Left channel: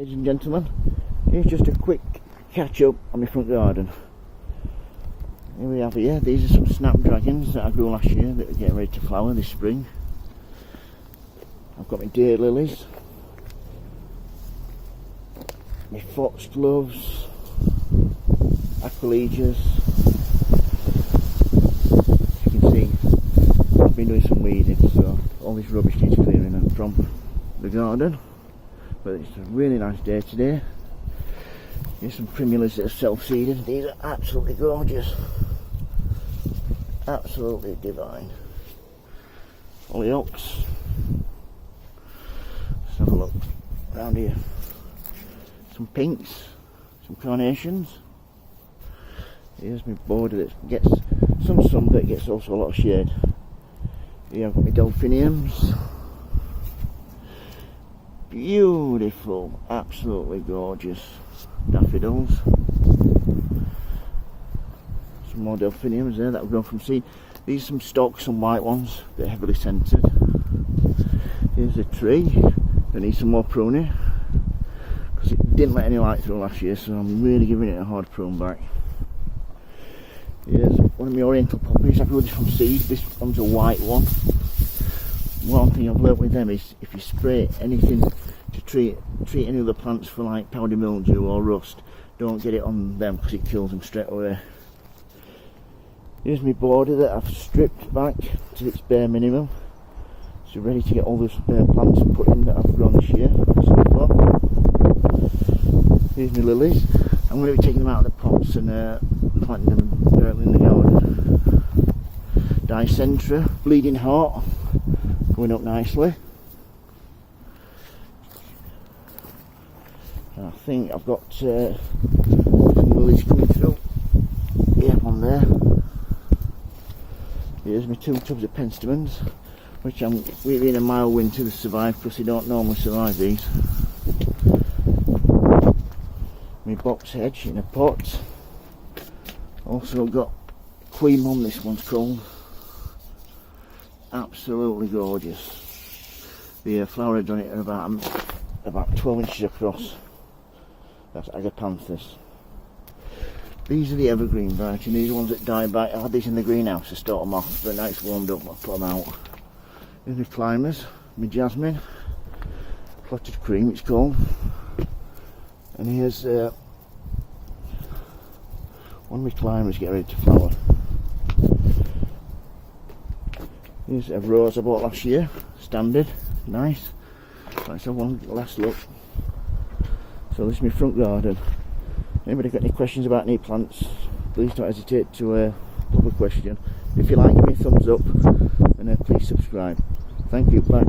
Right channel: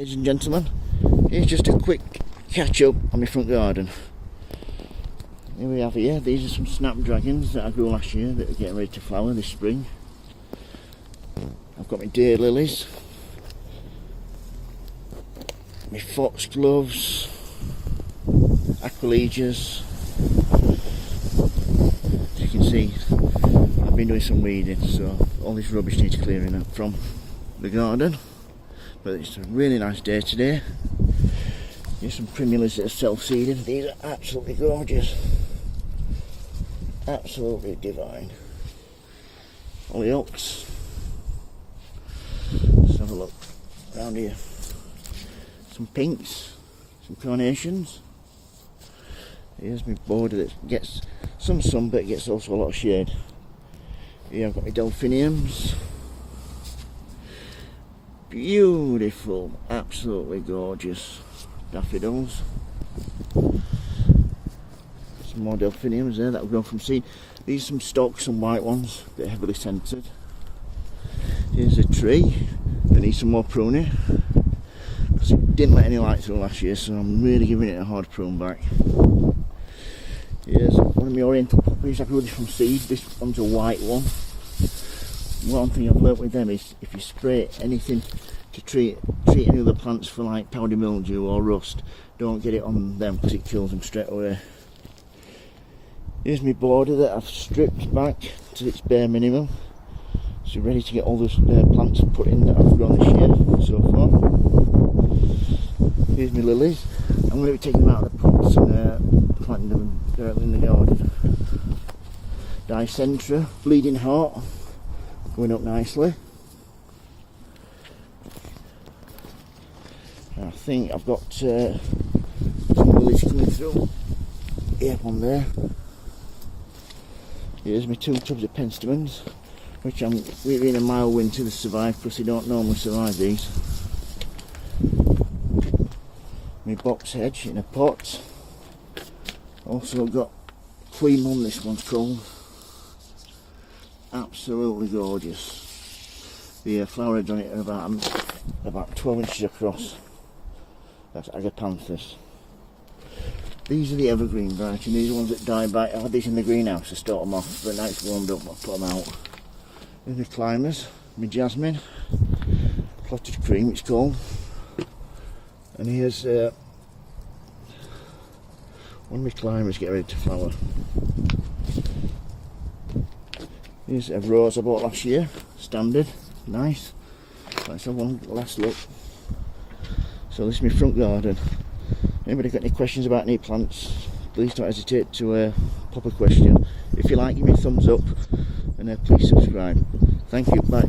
Ladies and gentlemen, here's just a quick catch up on my front garden. Here we have here, these are some snapdragons that I grew last year that are getting ready to flower this spring. I've got my daylilies, my foxgloves, aquiledias. As you can see, I've been doing some weeding, so all this rubbish needs clearing up from the garden. But it's a really nice day today. Here's some primulas that are self-seeding. These are absolutely gorgeous. Absolutely divine. Hollyoaks. Let's have a look around here. Some pinks, some carnations. Here's my border that gets some sun, but it gets also a lot of shade. Here I've got my delphiniums. Beautiful, absolutely gorgeous daffodils. Some more delphiniums there that have grown from seed. These are some stalks, some white ones, a bit heavily scented. Here's a tree that needs some more pruning because it didn't let any light through last year, so I'm really giving it a hard prune back. Here's one of my oriental poppies. I grew this from seed. This one's a white one. One thing I've learnt with them is if you spray anything to treat any other plants for like powdery mildew or rust, don't get it on them because it kills them straight away. Here's my border that I've stripped back to its bare minimum, so ready to get all the plants put in that I've grown this year so far. Here's my lilies. I'm going to be taking them out of the pots and planting them directly in the garden. Dicentra, bleeding heart, going up nicely. I think I've got some lilies coming through. Yeah, one there. Here's my 2 tubs of penstemons, which I'm really in a mild winter to survive because they don't normally survive these. My box hedge in a pot. Also got Queen Mum, this one's called. Absolutely gorgeous. The flower heads on it are about 12 inches across. That's agapanthus. These are the evergreen variety, and these are ones that die by. I had these in the greenhouse to start them off, but now it's warmed up, I'll put them out. Here's my climbers, my jasmine, clotted cream it's called. And here's one of my climbers getting ready to flower. Here's a rose I bought last year, standard, nice. Let's have one last look. So this is my front garden. Anybody got any questions about any plants, please don't hesitate to pop a question. If you like, give me a thumbs up and please subscribe. Thank you, bye.